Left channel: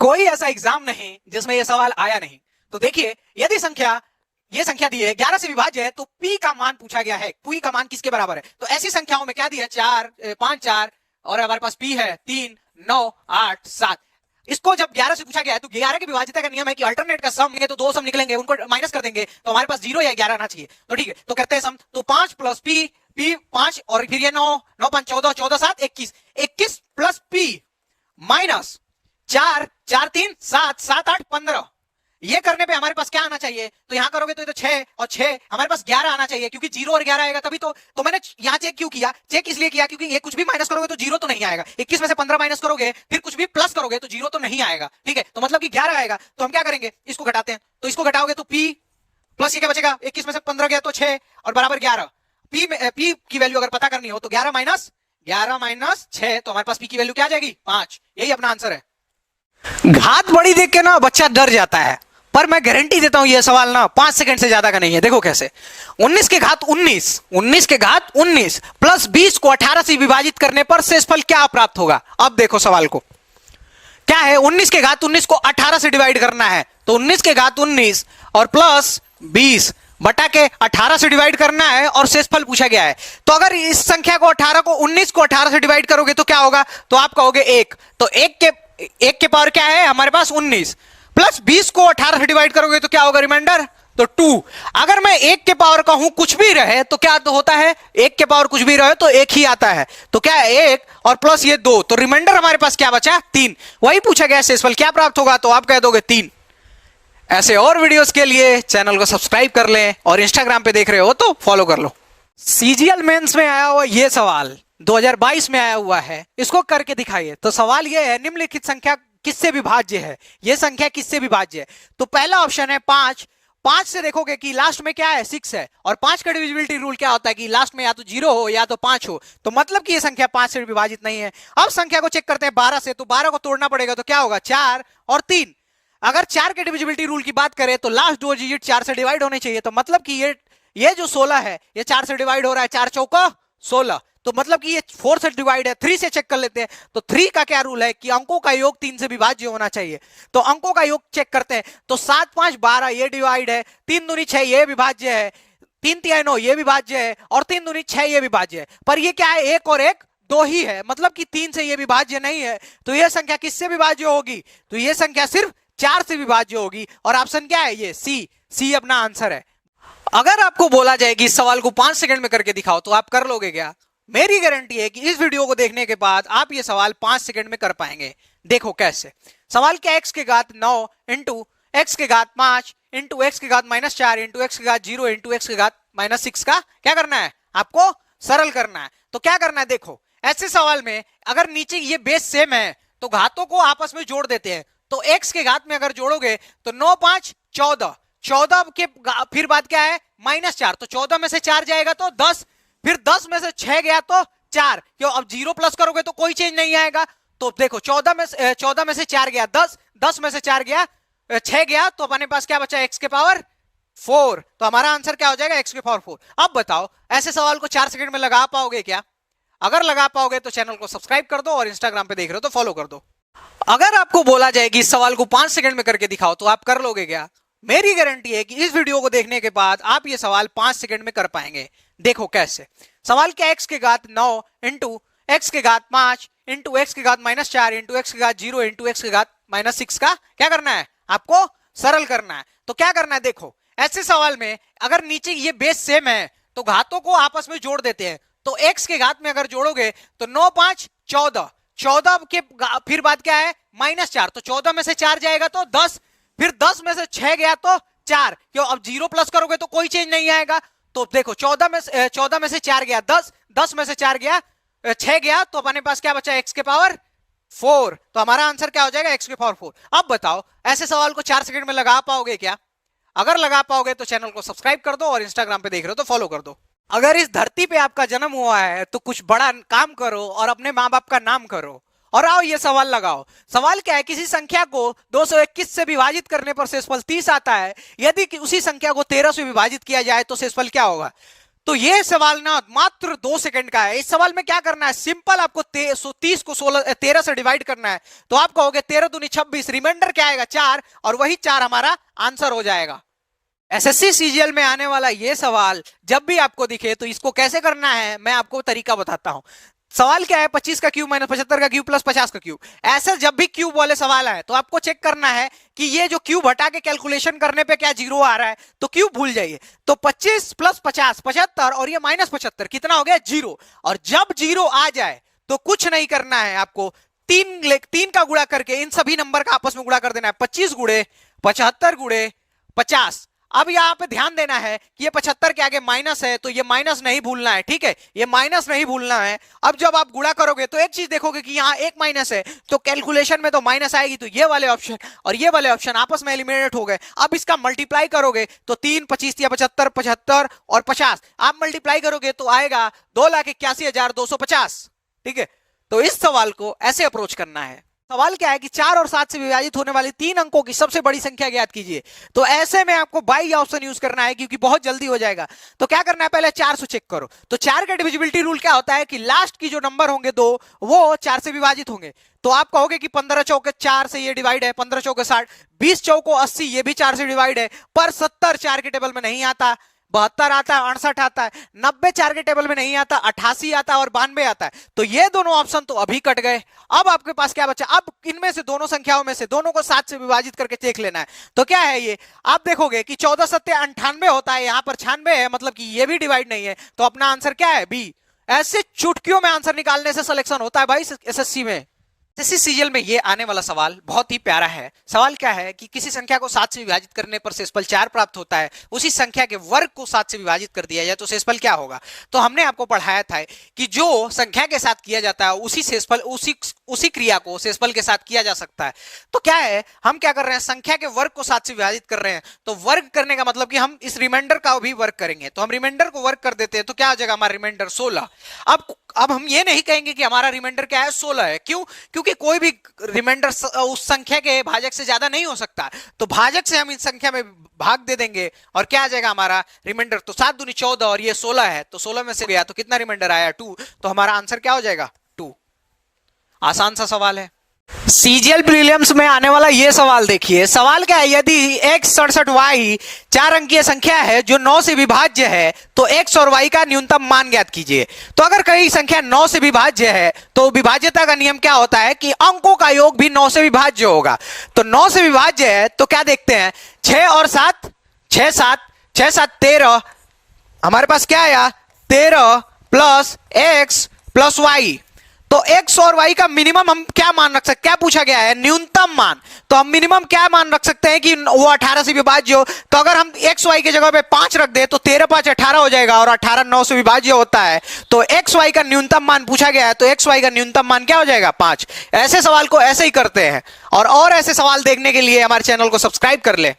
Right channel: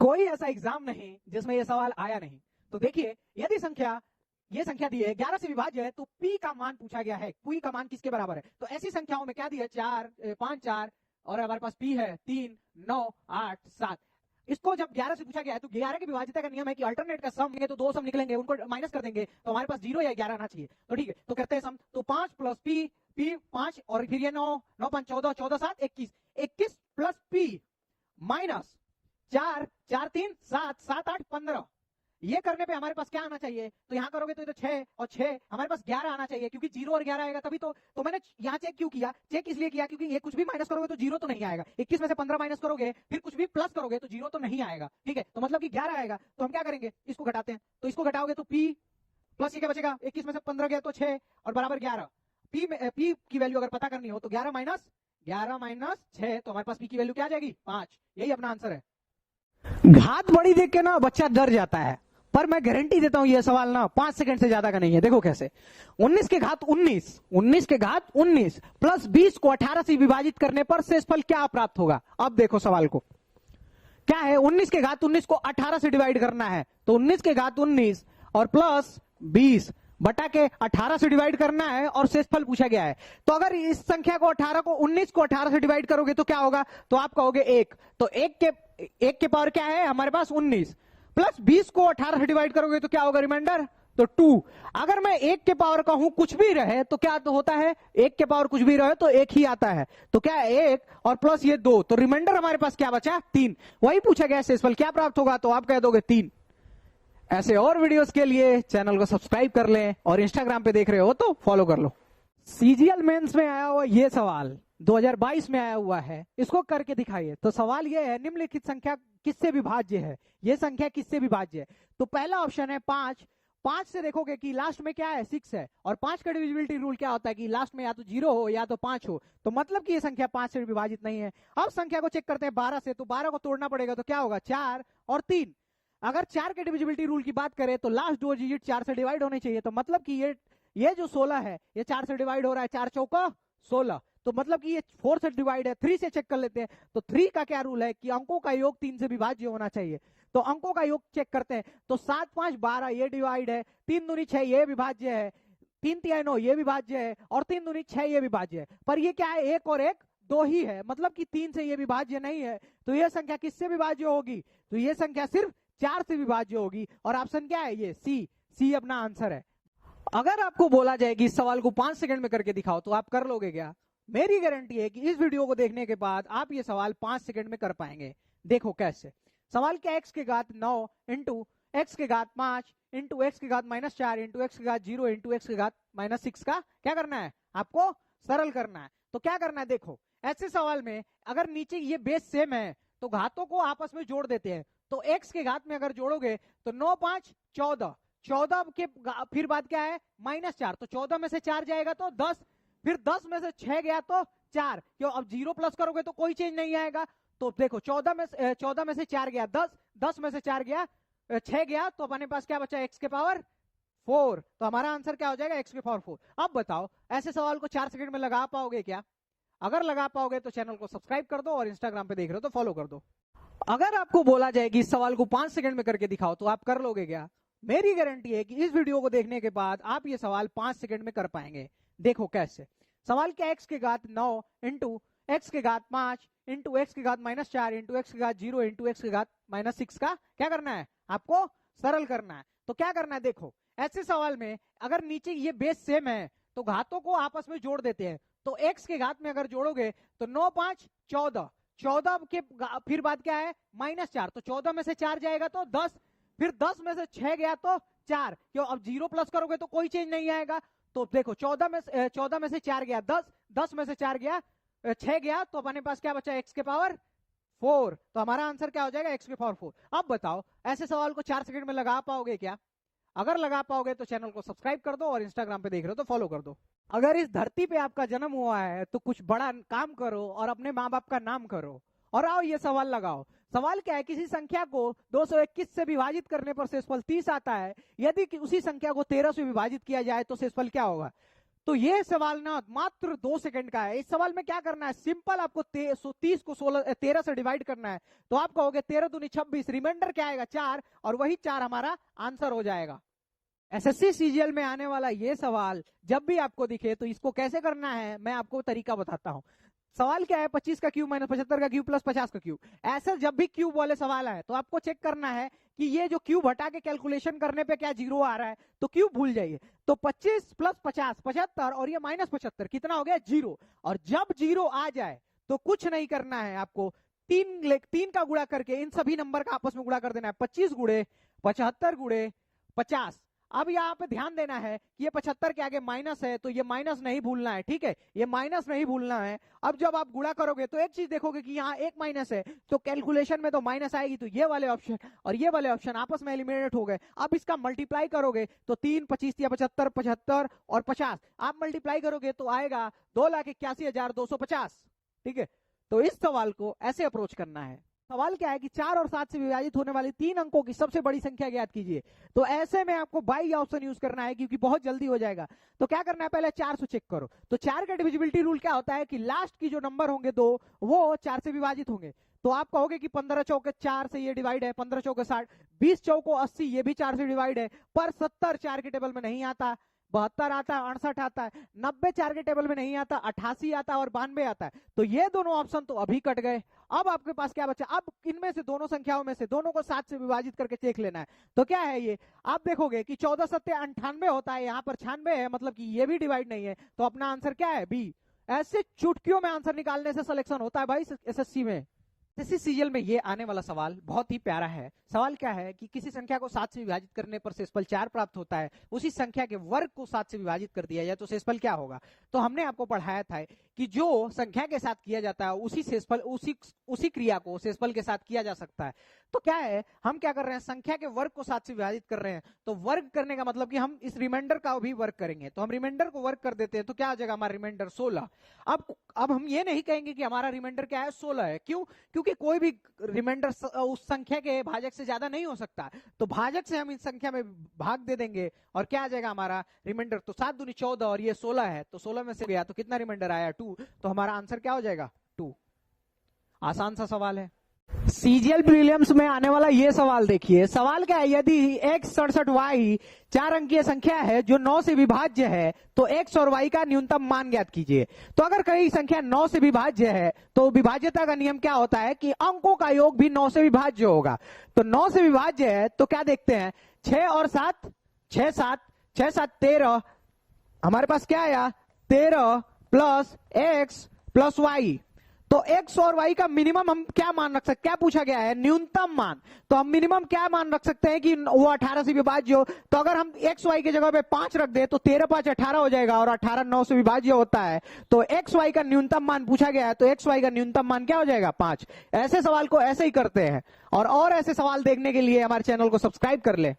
कोई ऐसा एग्जाम नहीं जिसमें यह सवाल आया नहीं। तो देखिए, यदि ये संख्या दी है 11 से विभाज्य है, तो p का मान पूछा गया है। p का मान किसके बराबर है? तो ऐसी संख्याओं में क्या दिया है? 4 5 4 और हमारे पास p है 3 9 8 7। इसको जब 11 से पूछा गया है तो 11 की विभाज्यता का नियम है कि अल्टरनेट का सम है तो दो सम निकलेंगे, उनको माइनस कर देंगे तो हमारे पास 0 या 11 आना चाहिए। तो ठीक है, तो करते हैं सम। तो 5 प्लस p 5 और फिर ये 9 9 5 14 14 7 21 21 प्लस p माइनस 4 4 3 7 7 8 15। ये करने पे हमारे पास क्या आना चाहिए? तो यहां करोगे तो ये तो 6 और 6 हमारे पास 11 आना चाहिए, क्योंकि 0 और 11 आएगा तभी तो मैंने यहां चेक क्यों किया? चेक इसलिए किया क्योंकि ये कुछ भी माइनस करोगे तो 0 तो नहीं आएगा। 21 में से 15 माइनस करोगे फिर कुछ भी प्लस करोगे तो 0 तो नहीं आएगा। ठीक है, तो मतलब कि 11 आएगा। तो हम क्या करेंगे? इसको घटाते हैं। तो इसको घटाओगे तो p प्लस ये क्या बचेगा? 21 में से 15 गया तो 6 और बराबर 11। p की वैल्यू अगर पता करनी हो तो 11 माइनस 6, तो हमारे पास p की वैल्यू क्या आ जाएगी? 5। यही अपना आंसर है। घात बड़ी देख के ना बच्चा डर जाता है, पर मैं गारंटी देता हूं ये सवाल ना 5 सेकंड से ज्यादा का नहीं है। देखो कैसे। 19 के घात 19 प्लस 20 को 18 से विभाजित करने पर शेषफल क्या प्राप्त होगा? अब देखो सवाल को क्या है। 19 के घात 19 को 18 से डिवाइड करना है, तो 19 के घात 19 और प्लस 20 बटा के 18 से डिवाइड करना है और शेषफल पूछा गया है। तो अगर इस संख्या को 19 को 18 से डिवाइड करोगे तो क्या होगा? तो आप कहोगे 1। तो 1 के पावर क्या है हमारे पास? 19 प्लस 20 को 18 से डिवाइड करोगे तो क्या होगा रिमाइंडर? तो 2। अगर मैं 1 के पावर का हूं कुछ भी रहे तो क्या तो होता है? 1 के पावर कुछ भी रहे तो 1 ही आता है। तो क्या है? 1 और प्लस ये 2, तो रिमाइंडर हमारे पास क्या बचा? 3। वही पूछा गया शेषफल क्या प्राप्त होगा, तो आप कह दोगे 3। ऐसे और वीडियोस के लिए चैनल को सब्सक्राइब कर लें और इंस्टाग्राम पे देख रहे हो तो फॉलो कर लो। सीजीएल मेंस में आया हुआ ये सवाल 2022 में आया हुआ है, इसको करके दिखाइए। तो सवाल ये है, निम्नलिखित संख्या किससे विभाज्य है? ये संख्या किससे विभाज्य है? तो पहला ऑप्शन है 5। 5 से देखोगे कि लास्ट में क्या है? 6 है, और 5 का डिविजिबिलिटी रूल क्या होता है कि लास्ट में या तो 0 हो या तो 5 हो, तो मतलब कि ये संख्या 5 से विभाजित नहीं है। अब संख्या को चेक करते हैं 12 से, तो 12 को तोड़ना पड़ेगा, तो क्या होगा? 4 और 3। अगर 4 के डिविजिबिलिटी रूल की बात करें तो लास्ट 2 डिजिट 4 से डिवाइड होने चाहिए, तो मतलब कि ये जो 16 है ये 4 से डिवाइड हो रहा है, 4 चौका 16, तो मतलब कि ये 4 से डिवाइड है। 3 से चेक कर लेते हैं। तो 3 का क्या रूल है कि अंकों का योग 3 से विभाज्य होना चाहिए। तो अंकों का योग चेक करते हैं, तो 7 5 12 ये डिवाइड है, 3 दूनी 6 ये विभाज्य है, 3 3 9 ये विभाज्य है, और 3 दूनी 6 ये विभाज्य है। पर ये क्या है? 1 और 1 2 ही है, मतलब कि 3 से ये विभाज्य नहीं है। तो ये संख्या किससे विभाज्य होगी? तो ये संख्या सिर्फ 4 से विभाज्य होगी, और ऑप्शन क्या है? ये सी अपना आंसर है। अगर आपको बोला जाए कि इस सवाल को 5 सेकंड में करके दिखाओ तो आप कर लोगे क्या? मेरी गारंटी है कि इस वीडियो को देखने के बाद आप ये सवाल 5 सेकंड में कर पाएंगे। देखो कैसे। सवाल क्या? x के घात 9 इंटू x के घात 5 इंटू x के घात -4 इंटू x के घात 0 इंटू x के घात -6 का क्या करना है? आपको सरल करना है। तो क्या करना है? देखो, ऐसे सवाल में अगर नीचे ये बेस सेम है तो घातों को आपस में जोड़ देते हैं। तो x के घात में अगर जोड़ोगे तो 9 5 14, 14 के फिर बाद क्या है? -4, तो 14 में से 4 जाएगा तो 10, फिर 10 में से 6 गया तो 4, क्यों? अब 0 प्लस करोगे तो कोई चेंज नहीं आएगा। तो देखो 14 में से 4 गया 10, 10 में से 4 गया 6 गया, तो अपने पास क्या बचा? x के पावर 4। तो हमारा आंसर क्या हो जाएगा? x के पावर 4। अब बताओ, ऐसे सवाल को 4 सेकंड में लगा पाओगे क्या? अगर लगा पाओगे तो चैनल को सब्सक्राइब कर दो, और इंस्टाग्राम पे देख रहे हो तो फॉलो कर दो। अगर आपको बोला जाए कि इस सवाल को 5 सेकंड में करके दिखाओ तो आप कर लोगे क्या? मेरी गारंटी है कि इस वीडियो को देखने के बाद आप ये सवाल 5 सेकंड में कर पाएंगे। देखो कैसे। सवाल क्या? x के घात 9 इंटू x के घात 5 इंटू x के घात -4 इंटू x के घात 0 इंटू x के घात -6 का क्या करना है? आपको सरल करना है। तो क्या करना है? देखो, ऐसे सवाल में अगर नीचे ये बेस सेम है तो घातों को आपस में जोड़ देते हैं। तो x के घात में अगर जोड़ोगे तो 9 5 14, 14 के फिर बाद क्या है? -4, तो 14 में से 4 जाएगा तो 10, फिर 10 में से 6 गया तो 4, क्यों? अब 0 प्लस करोगे तो कोई चेंज नहीं आएगा। तो देखो 14 में से 4 गया 10, 10 में से 4 गया 6 गया, तो अपने पास क्या बचा? x के पावर 4। तो हमारा आंसर क्या हो जाएगा? x के पावर 4। अब बताओ, ऐसे सवाल को 4 सेकंड में लगा पाओगे क्या? अगर लगा पाओगे तो चैनल को सब्सक्राइब कर दो, और इंस्टाग्राम पे देख रहे हो तो फॉलो कर दो। अगर इस धरती पे आपका जन्म हुआ है तो कुछ बड़ा काम करो और अपने माँ बाप का नाम करो, और आओ ये सवाल लगाओ। सवाल क्या है? किसी संख्या को 221 से विभाजित करने पर शेषफल 30 आता है। यदि उसी संख्या को 13 से विभाजित किया जाए तो शेषफल क्या होगा? तो ये सवाल ना मात्र 2 सेकंड का है। इस सवाल में क्या करना है, सिंपल आपको 30 को 13 से डिवाइड करना है। तो आप कहोगे 13 दूनी 26, रिमाइंडर क्या आएगा 4, और वही 4 हमारा आंसर हो जाएगा। एसएससी सीजीएल में आने वाला ये सवाल जब भी आपको दिखे तो इसको कैसे करना है मैं आपको तरीका बताता हूं। सवाल क्या है, 25 का क्यूब माइनस 75 का क्यूब प्लस 50 का क्यूब। ऐसे जब भी क्यूब वाले सवाल आए तो आपको चेक करना है कि ये जो क्यूब हटा के कैलकुलेशन करने पे क्या जीरो आ रहा है, तो क्यूब भूल जाइए। तो 25 प्लस 50 75, और ये माइनस 75 कितना हो गया, जीरो। और जब जीरो आ जाए तो कुछ नहीं करना है, आपको 3 का गुणा करके इन सभी नंबर का आपस में गुणा कर देना है। 25 गुणे 75 गुणे 50। अब यहां पे ध्यान देना है कि ये 75 के आगे माइनस है, तो ये माइनस नहीं भूलना है, ठीक है, ये माइनस नहीं भूलना है। अब जब आप गुणा करोगे तो एक चीज देखोगे कि यहाँ एक माइनस है, तो कैलकुलेशन में तो माइनस आएगी, तो ये वाले ऑप्शन और ये वाले ऑप्शन आपस में एलिमिनेट हो गए। अब इसका मल्टीप्लाई करोगे तो 3 25 या 75 75 और 50 आप मल्टीप्लाई करोगे तो आएगा 2,81,250, ठीक है। तो इस सवाल को ऐसे अप्रोच करना है। सवाल क्या है कि 4 और 7 से विभाजित होने वाली 3 अंकों की सबसे बड़ी संख्या ज्ञात कीजिए। तो ऐसे में आपको बाई ऑप्शन यूज करना है क्योंकि बहुत जल्दी हो जाएगा। तो क्या करना है, पहले 4 से चेक करो। तो 4 का डिविजिबिलिटी रूल क्या होता है कि लास्ट की जो नंबर होंगे 2 वो 4 से विभाजित होंगे। तो आप कहोगे कि 15 चौके 4 से ये डिवाइड है, 15 चौके 60, 20 चौको 80 ये भी 4 से डिवाइड है, पर 70 4 के टेबल में नहीं आता, 72 आता है, 68 आता है, 90 4 के टेबल में नहीं आता, 88 आता है और 92 आता है। तो ये दोनों ऑप्शन तो अभी कट गए। अब आपके पास क्या बचा, अब इनमें से दोनों संख्याओं में से दोनों को 7 से विभाजित करके देख लेना है। तो क्या है ये, आप देखोगे कि 14 सत्ते 98 होता है, यहां पर 96 है, मतलब कि ये भी डिवाइड नहीं है। तो अपना आंसर क्या है, बी। ऐसे चुटकियों में आंसर निकालने से सिलेक्शन होता है भाई एसएससी में। एसएससी सीजीएल में ये आने वाला सवाल बहुत ही प्यारा है। सवाल क्या है कि किसी संख्या को 7 से विभाजित करने पर शेषफल 4 प्राप्त होता है, उसी संख्या के वर्ग को 7 से विभाजित कर दिया जाए तो शेषफल क्या होगा। तो हमने आपको पढ़ाया था कि जो संख्या के साथ किया जाता है उसी शेषफल उसी क्रिया को शेषफल के साथ किया जा सकता है। तो क्या है, हम क्या कर रहे हैं, संख्या के वर्ग को 7 से विभाजित कर रहे हैं। तो वर्ग करने का मतलब कि हम इस रिमाइंडर का भी वर्ग करेंगे। तो हम रिमाइंडर को वर्ग कर देते हैं, तो क्या हो जाएगा हमारा रिमाइंडर 16। अब हम ये नहीं कहेंगे कि हमारा रिमाइंडर क्या है 16 है, क्यों, क्योंकि कोई भी रिमाइंडर उस संख्या के भाजक से ज्यादा नहीं हो सकता। तो भाजक से हम इस संख्या में भाग दे देंगे और क्या आ जाएगा हमारा रिमाइंडर। तो 7 दूनी 14 और ये 16 है, तो 16 में से गया तो कितना रिमाइंडर आया, 2। तो हमारा आंसर क्या हो जाएगा, 2। आसान सा सवाल है। सीजीएल प्रीलिम्स में आने वाला ये सवाल देखिए। सवाल क्या है, यदि x67y 4 अंकीय संख्या है जो 9 से विभाज्य है तो x और y का न्यूनतम मान ज्ञात कीजिए। तो अगर कहीं संख्या 9 से विभाज्य है तो विभाज्यता का नियम क्या होता है कि अंकों का योग भी 9 से विभाज्य होगा। तो 9 से विभाज्य है तो क्या देखते हैं, 6 और 7 6 7 13, हमारे पास क्या आया 13 प्लस x प्लस y। तो x और y का मिनिमम हम क्या मान रख सकते, क्या पूछा गया है, न्यूनतम मान। तो हम मिनिमम क्या मान रख सकते हैं कि वो 18 से विभाज्य हो। तो अगर हम x y की जगह पे 5 रख दे तो 13 5 18 हो जाएगा, और 18 9 से विभाज्य होता है। तो x y का न्यूनतम मान पूछा गया है, तो x y का न्यूनतम मान क्या हो जाएगा, 5। ऐसे सवाल को ऐसे ही करते हैं, और ऐसे सवाल देखने के लिए हमारे चैनल को सब्सक्राइब कर ले।